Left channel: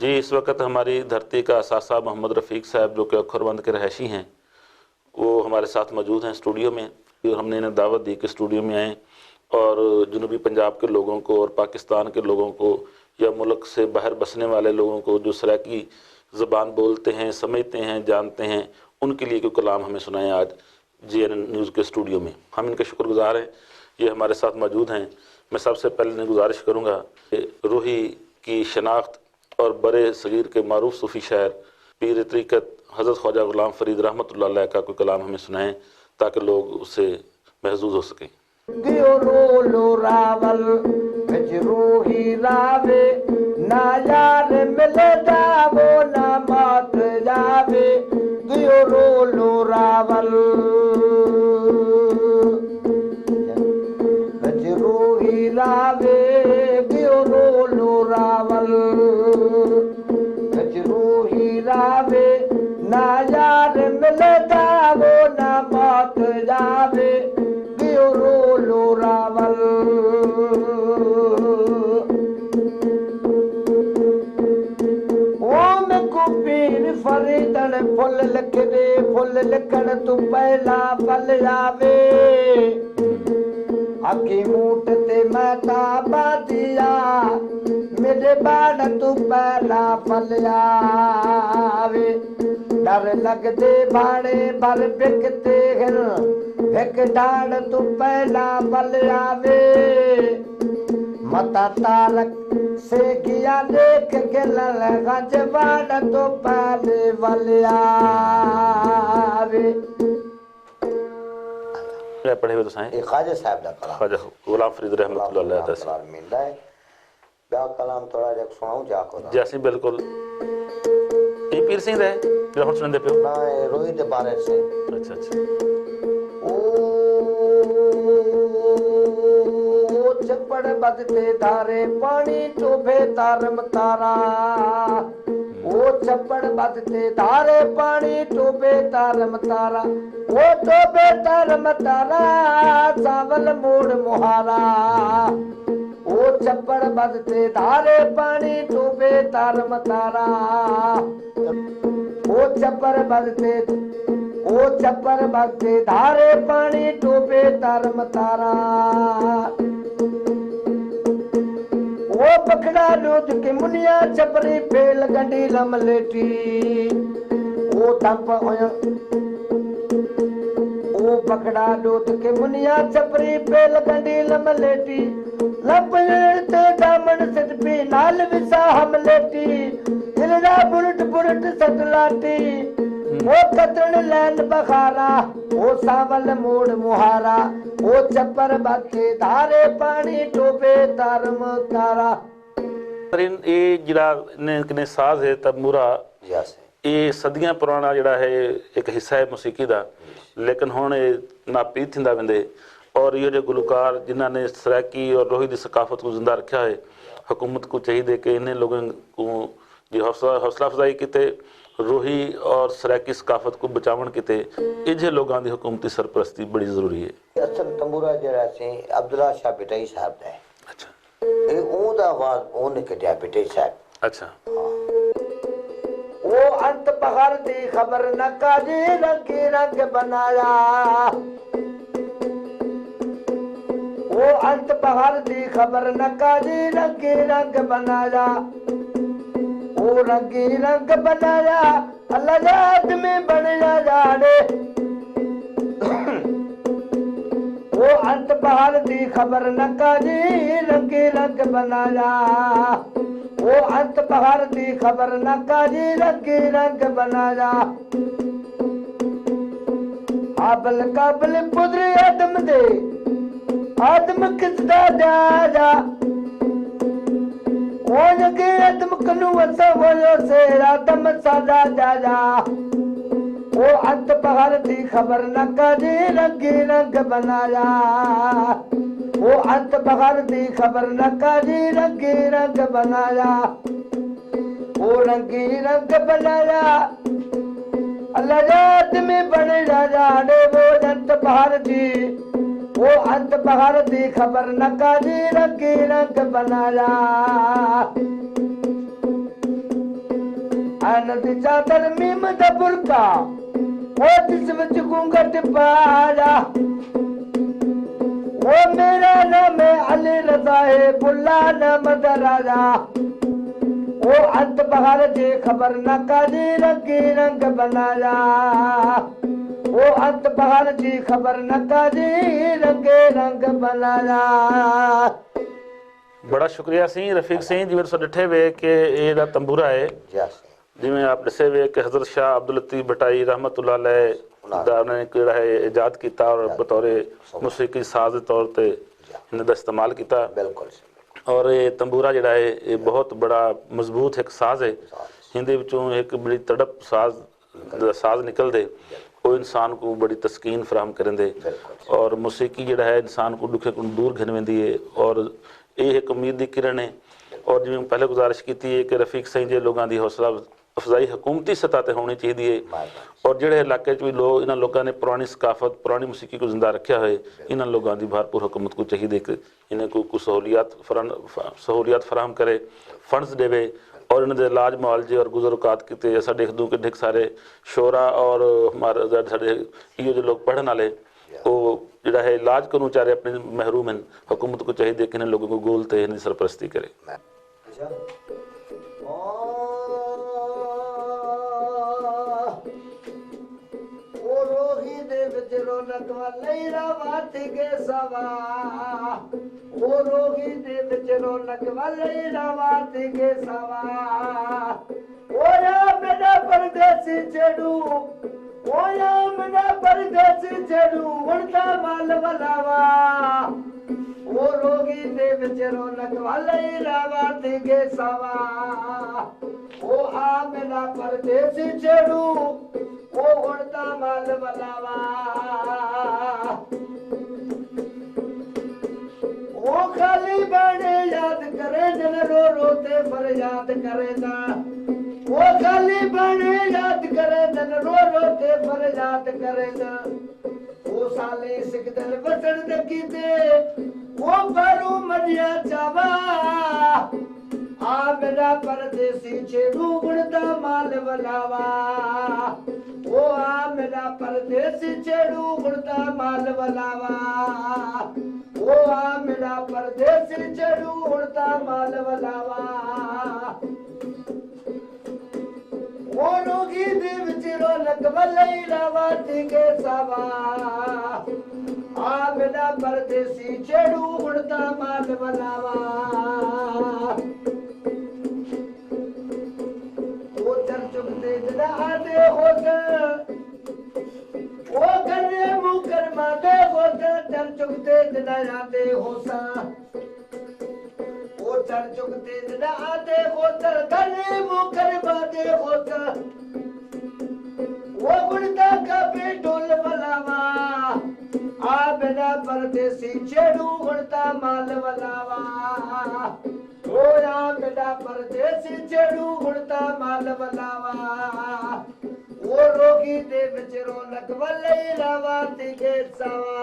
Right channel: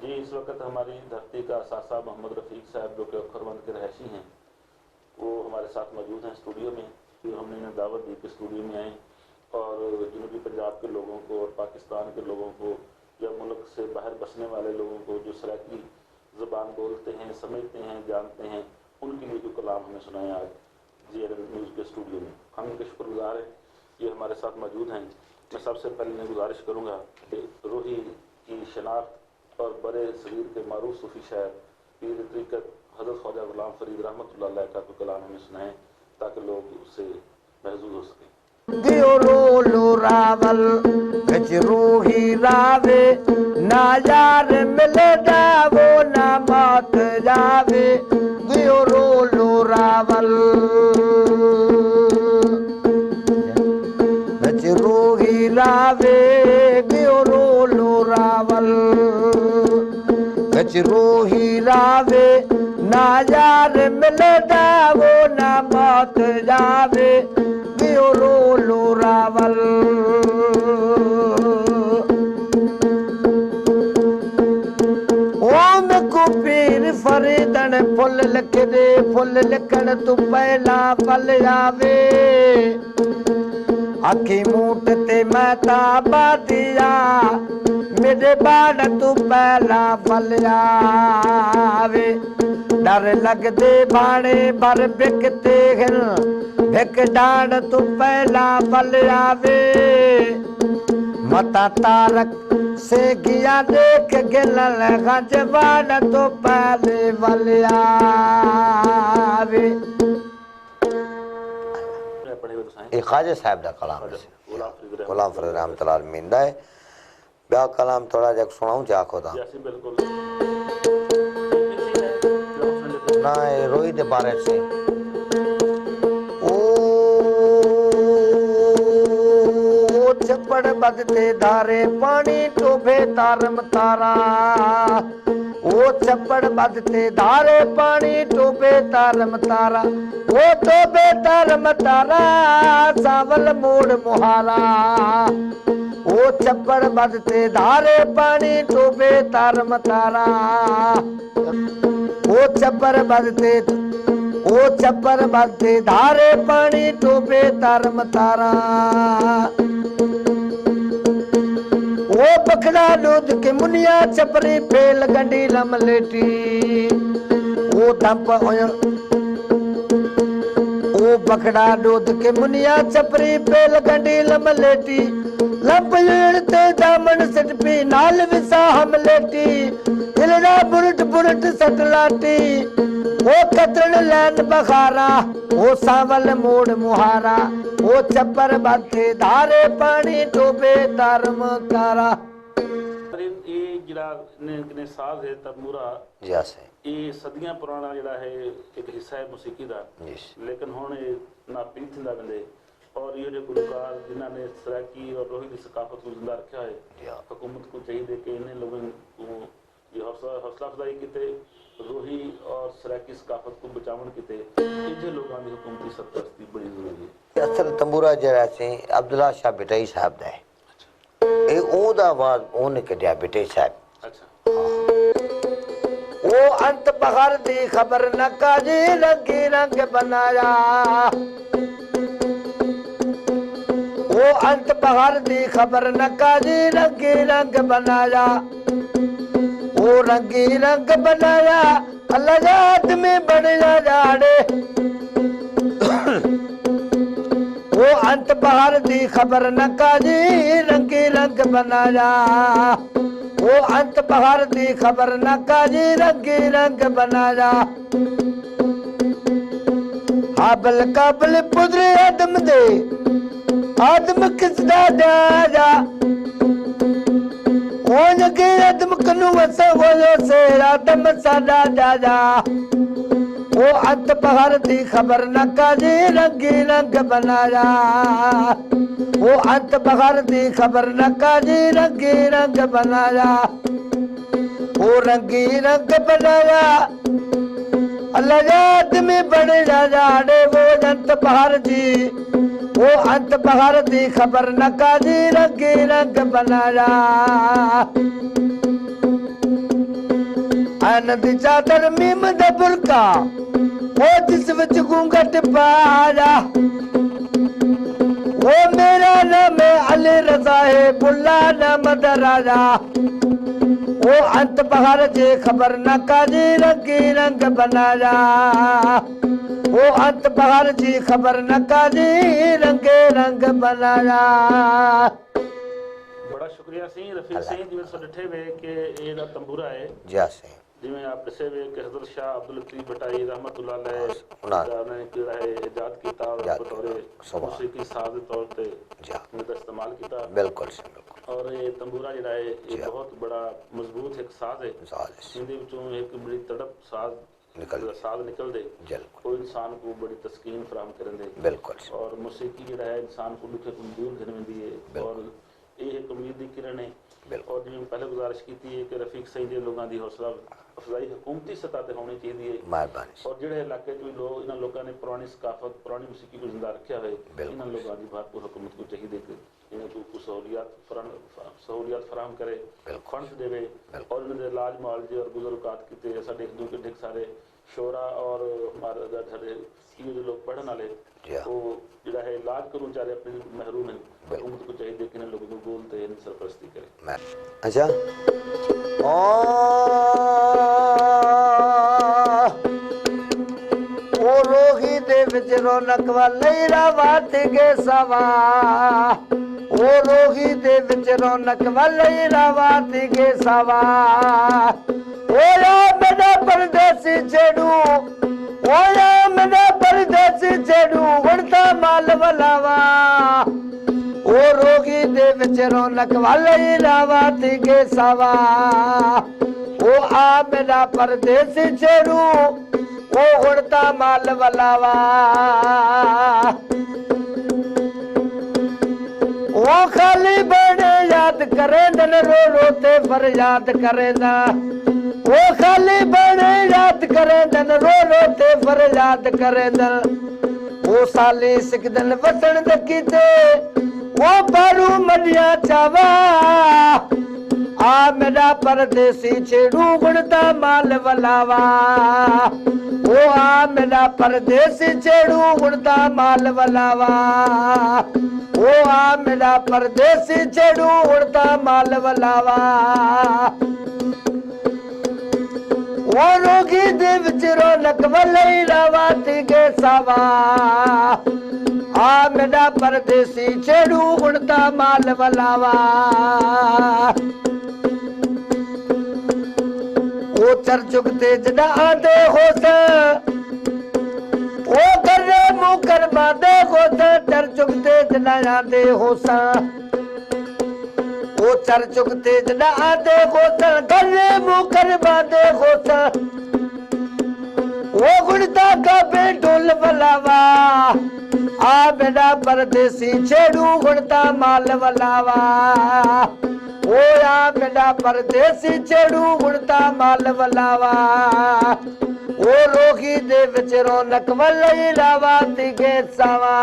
जी, इस वक्त हमारी धरती का असासा मोहम्मद रफ़ीक साहब जो कि अखरबंद के रहायशी हैं, वो हमारे साथ मौजूद हैं स्टूडियो में। और हमने इन्हें दावत दी कि स्टूडियो में आएँ और जनूबी पंजाब के लोगों को और पाकिस्तान के लोगों को या मुल्क से बाहर बसने वाले लोगों को जो सराकी ज़बान बोलते हैं, समझते हैं, जानते हैं, उनके लिए कोई कलाम हमें सुनाएं आज GN न्यूज़ के स्टूडियो में। हम इनके शुक्रगुजार हैं, ये हमारे साथ मौजूद हैं। मैं सबसे पहले इन्हें गुजारिश करूँगा कि रूही की शनाख्त और बड़े सगीर के मारूफ सूफ़ी शायर पीर तरीक़त हज़रत ख्वाजा ग़ुलाम फ़रीद रहमतुल्लाह अलैह का कोई कलाम हमें सुनाएं ताकि लोग उससे महजूज़ हो सकें। रूही रावे ना यार मिलदा वो ना मौत जावे दियो रोलो रावल रूही रावे दियो रोलो रावल रूही रावे ना यार मिलदा वो ना मौत जावे दियो रोलो रावल पीर फरीदन फुल लिख दे फुल लिखण तू पहला पल आवे अखी मूट ते महता बादिया मेरे बाड़ तू पहला पल आवे डर लगदे बाड़े बर बिकते हिर भिक डाड़ तू पहला पल आवे मता तारक से किया देख गिलन गजबान तो पहले वाले आवे पढ़े हुए तो साईं ये ख्वाजा साहब दा कलाम ख्वाजा ग़ुलाम फ़रीद रहमतुल्लाह अलैह मिलदा है बया कलाम थोड़ा जक सुनाऊं जा खुदा जैसे बिल्कुल ये पीर सिंह है जो हम सुनते पे ना रोही दे बारे से अच्छा अच्छा चपड़ बदते धारे पानी टोभे तारम तारा ओ चपड़ बदते धारे पानी टोभे तारम तारा ओ टोभे तारम तारा सावल मोड़ मुहारा ओ चपड़ बदते धारे पानी टोभे तारम तारा ओ चपड़ बदते धारे पानी टोभे तारम तारा वो पखड़ा दूध के मुनिया छपरी फेल गंडी लमलेटी वो धप वो पखड़ा दूध के मुनिया छपरी फेल गंडी लमलेटी लपलते दामन सटपी नाल विसा हमलेटी हिलना बुरट बुरट सटलाटी वो कतरण लैन बखारा वो सावल मोड़ मुहारा वो चप्पर बाथे धारे पानी टोबे तारम तारा पर ये जिहड़ा ने साज है तबूरा जैसे ये सदियां पुराना जिहड़ा है एक हिस्सा है मौसीकी दा लेकिन हुण ये नापी थिंदा वेंदे और ये जो गुलकार जिन्हां ने सराकी और रोही दी सकाफत को जिंदा रखा है हुकूमत को चाहिए कि इन्हें लोगों को जी हौसला अफजाई किते रोही और सराकी सकाफत को बचावन किते इजे लोगों की हुकूमती सरपरस्ती बड़ी जरूरी है। असल तंबूरा जरा से अब्दुल्ला शाह बिटाई साहब दा है। अच्छा ए ओदा आवाज ओने कढिया बिटाई साहब। अच्छा ओ अंत बहर दी खबर न काजे रंगी रंग बनाया ओ अंत बहर दी खबर न काजे रंगी रंग बनाया ओ रंगी रंग बनाया अल्लाह में बढ़िया जाड़े ओ अंत बहर दी खबर न काजे रंगी रंग बनाया ओ अंत बहर दी खबर न काजी रंगी रंग बनाया हाबल काबल पुत्र आदम दे आदम किसदा दादा ओ जगे आदम कनु वसा होयो से आदम सादा दादा ओ अंत बहर दी खबर न काजी रंगी रंग बनाया वो अंत बहर दी खबर न काजी रंगी रंग बनाया वो रंगी रंग बनाया अल्लाह में बड़े जाड़े वो अंत बहर दी वो अंत बहर दी खबर न काजी रंगी रंग बनाया ਚੰਨ ਦੀ ਚਾਦਰ ਮੀਮ ਦਾ ਬੁਰਕਾ ਉਹ ਜਿਸ ਵਿੱਚ ਘੂੰਘਟ ਪਾਇਆ ਉਹ ਮੇਰਾ ਨਾਮ ਹੈ ਅਲੀ ਰਜ਼ਾ ਹੈ ਬੁੱਲਾ ਨਾਮ ਦਰਾਜਾ ਉਹ ਅੰਤ ਬਹਾਰ ਜੇ ਖਬਰ ਨਾ ਕਾਜੀ ਰੰਗੀ ਰੰਗ ਬਣਾਇਆ ਉਹ ਅੰਤ ਬਹਾਰ ਜੀ ਖਬਰ ਨਾ ਕਾਜੀ ਰੰਗੇ ਰੰਗ ਬਣਾਇਆ। ਬੜਾ ਸ਼ੁਕਰੀਆ ਸਿੰਘ ਰਫੀਕ ਸਿੰਘ ਜੀ ਮੇਰੇ ਡਿੱਠੇ ਵੇ ਕਿ ਇਹ ਜਿਹੜਾ ਤੰਬੂਰਾ ਹੈ ਜੀ ਸਿੰਘ ਜਿਵੇਂ ਆਪ ਦੱਸੇ ਵੇ ਕਿ ਹਜ਼ਰਤ ਸ਼ਾਹ ਅਬਦੁਲ ਲਤੀਫ ਭਟਾਈ ਰਹਿਮਤੁल्लाह अलैह ਦਾ ਨੇ ਜਿਹੜਾ ਹੈ ਇਜਾਦ ਕੀਤਾ ਔਰ ਬਤੌਰੇ ਮੂਸੀਕੀ ਸਾਜ਼ ਦੇ ਤੌਰ ਤੇ ਇਹਨਾਂ ਦਾ ਇਸਤੇਮਾਲ ਕੀਤਾ। ਬਿਲਕੁਲ ਔਰ ਇਹ ਤੰਬੂਰਾ ਜਿਹੜਾ ਹੈ ਇਹ ਬਹੁਤ ਬੜਾ ਮਜ਼ਬੂਤ ਇੱਕ ਸਾਜ਼ ਹੈ। ਇਹਦੇ ਵਿੱਚੋਂ ਇੱਕ ਬੜੀ ਤੜਪ ਸਾਜ਼ ਨਿਕਲਦੇ ਉਹ ਇਨਸਾਨ को बड़ी तस्कीन फराहम करेंदे और मौसीकी ਜਿਹੜਾ ਹੈ ਇਨਸਾਨ को दुखे को दूर घिनवेंदी है और ਇਹ ਇੱਕ ਉਮੀਦ ਦੀ ਕਿਰਨ ਹੈ। और जिवें पहले गुजारिश की है कि रफीक सिंह जे लोगों की हौसला अफजाई हुकूमती सतह पर होनी चाहिए और जोड़े इलाके भी लोग इन्होंने लोगों ने पुरानी सकाफत पुरानी मौसीकी को जिंदा रखा है इन्होंने लोगों की भरपूर हुकूमत को चाहिए कि इन्हें को सहूलियात फराहम करे फंड्स देवे और इन्होंने इलाज मुआलजे और गुजरकात किए साढ़े ढेर सारे शोरा और हमारे साढ़े इो जो लोग पढ़ने वाले वो जोड़ा है इलाज को चारे अपने महरूम हैं हुकूमत को चाहिए कि इन्हें लोगों को गोलते इन्हें सरपरस्ती करे। अच्छा रोही दे विच रौनक वाले रावत गे सवा ओ रोही दे विच रौनक वाले रावत गे सवा ओ राम दा परदेसी छेड़ू ओ राम दा परदेसी छेड़ू वणता माल वलावा ओ रोगी दे विच रौनक वाले रावत गे सवा ओ आ मेरा परदेसी छेड़ू ओ उड़ता माल वलावा ओ खाली बड़े याद करे दन रो रोते फरियाद करे ना ओ खाली बड़े याद करे दन रो रोते फरियाद करे दन ओ साली सिकदन वसन दकीते ओ बारू मडिया चावा आ मेरा परदेसी छेड़ू गुणदा माल वलावा ओ आ मेरा परदेसी छेड़ू गुणदा माल वलावा ओ आ मेरा परदेसी छेड़ू गुणदा माल वलावा ओ रोगी दे विच रौनक वलई रावती गे सावा आ मेरा परदेसी छेड़ू गुणदा माल वलावा ओ चर चुकते जदा आदे होता ओ करे मुकर मादे होता चर चुकते जदा आदे होता ओ चर चुकते जदा आदे होता करे मुकर मादे होता ओ गुड़ता का बेटोल वलावा आ बेड़ा परदेसी छेड़ू गुड़ता माल वलावा ओ या बेड़ा परदेसी छेड़ू गुड़ता माल वलावा ओ रोगी दे विच रौनक वलई रावती गे सावा।